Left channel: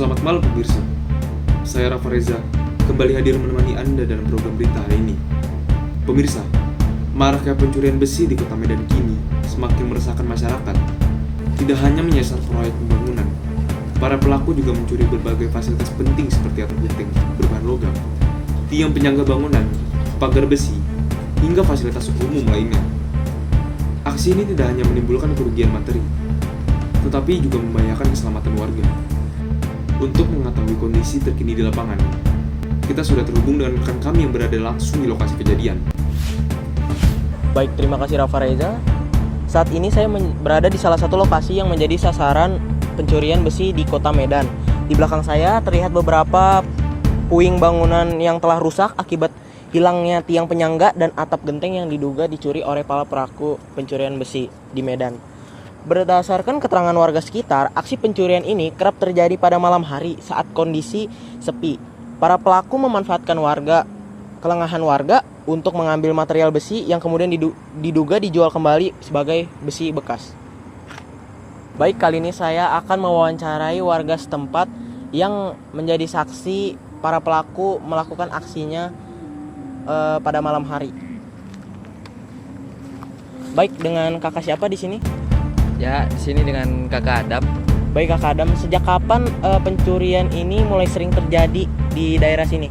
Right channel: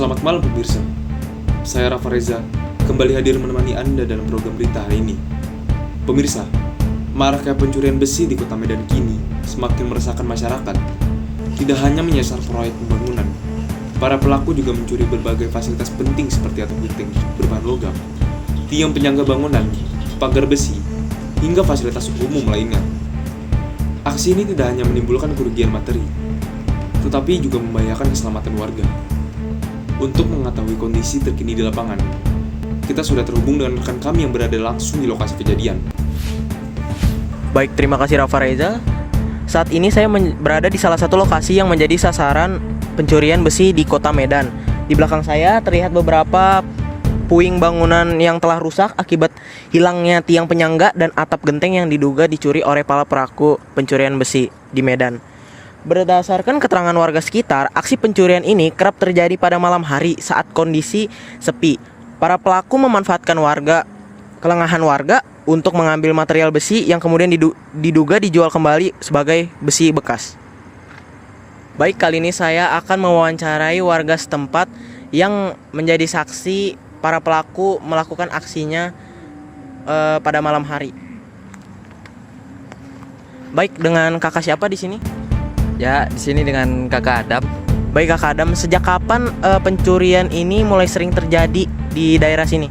Selamat malam pemirsa, saya Rafa Reza, kembali hadir menemani Anda dalam program berita hari ini. Pemirsa, maraknya pencurian besi di kota Medan kini semakin meresahkan masyarakat. Tidak hanya menyasar proyek pembangunan, para pelaku juga mencuri berbagai fasilitas penting seperti atap genteng berbahan logam, tiang penyangga bangunan, pagar besi, hingga fasilitas umum lainnya. Aksi ini tidak hanya menimbulkan kerugian materi, tetapi juga membahayakan keselamatan warga. Untuk mengetahui kondisi terkini di lapangan, kita sudah terhubung dengan rekan kami yang berada langsung di lokasi kejadian. Baik, terima kasih Rafa Reza. Saat ini saya berada di salah satu lokasi yang menjadi sasaran pencurian besi di kota Medan. Di belakang saya terlihat beberapa puing bangunan yang telah rusak akibat hilangnya tiang penyangga dan atap genteng yang diduga dicuri oleh para pelaku pencurian besi di Medan. Berdasarkan keterangan warga sekitar, aksi pencurian ini kerap terjadi pada malam hari saat kondisi sepi. Para pelaku memanfaatkan kelengahan warga untuk mengambil material besi yang kemudian diduga dijual kembali sebagai besi bekas. Baik, kali ini saya akan mewawancarai warga setempat yang menjadi saksi para pelaku melakukan aksinya pada malam hari. Baik, dengan kakak siapa di sini? Ya, di sini dengan Kakak Adam. Baik Kakak Adam, sejak kapan pencurian ini mulai sering terjadi di daerah sini?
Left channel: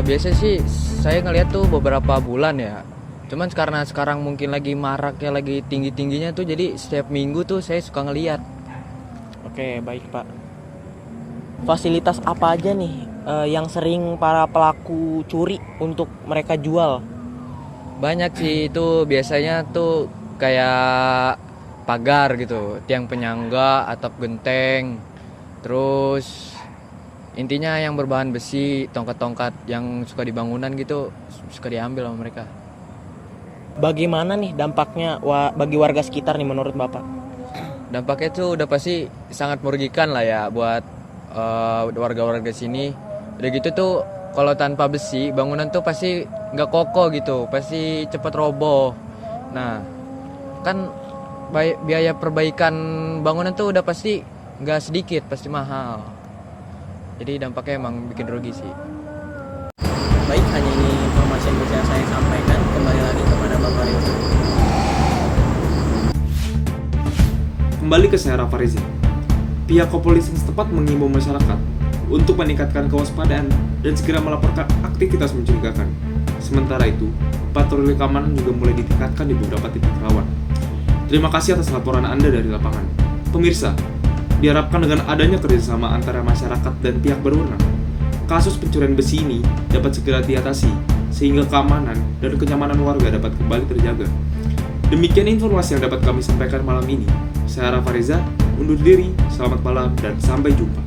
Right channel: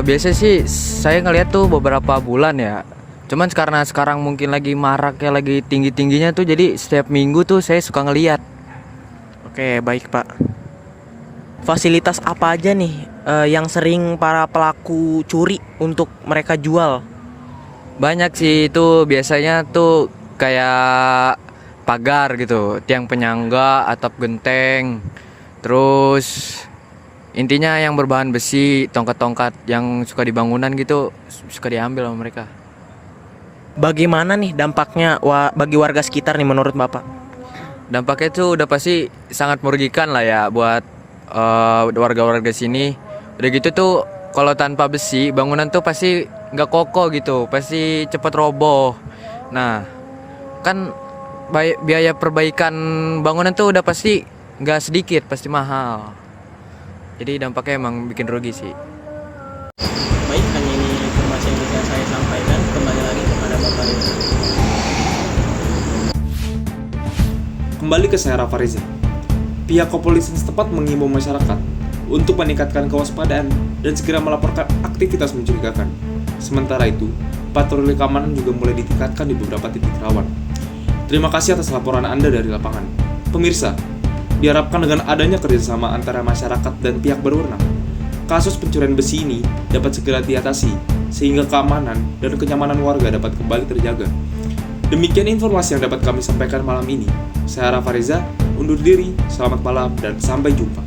Biasa sih saya ngeliat tuh beberapa bulan ya. Cuman karena sekarang mungkin lagi maraknya, lagi tinggi-tingginya tuh, jadi setiap minggu tuh saya suka ngeliat. Oke, baik Pak. Fasilitas apa aja nih yang sering para pelaku curi untuk mereka jual? Banyak sih itu, biasanya tuh kayak pagar gitu, tiang penyangga, atap genteng. Terus intinya yang berbahan besi, tongkat-tongkat yang suka di bangunan gitu suka diambil sama mereka. Bagaimana nih dampaknya bagi warga sekitar nih menurut Bapak? Dampaknya tuh udah pasti sangat merugikan lah ya buat warga-warga sini. Udah gitu tuh kalau tanpa besi bangunan tuh pasti nggak kokoh gitu, pasti cepat roboh. Nah, kan biaya perbaikan bangunan tuh udah pasti nggak sedikit, pasti mahal. Jadi dampaknya emang bikin rugi sih. Baik, hanya ini informasi yang bisa saya sampaikan. Kembali lagi kepada Bapak Reza. Kembali ke saya Rafa Reza. Pihak kepolisian setempat mengimbau masyarakat untuk meningkatkan kewaspadaan dan segera melaporkan aktivitas mencurigakan. Sementara itu, patroli keamanan juga mulai ditingkatkan di beberapa titik rawan. Terima kasih atas laporan Anda dari lapangan. Pemirsa, diharapkan dengan adanya kerjasama antara masyarakat dan pihak berwenang, kasus pencurian besi ini dapat segera diatasi sehingga keamanan dan kenyamanan warga dapat kembali terjaga. Demikian informasi yang dapat kami sampaikan malam ini. Saya Rafa Reza, undur diri, selamat malam dan sampai jumpa.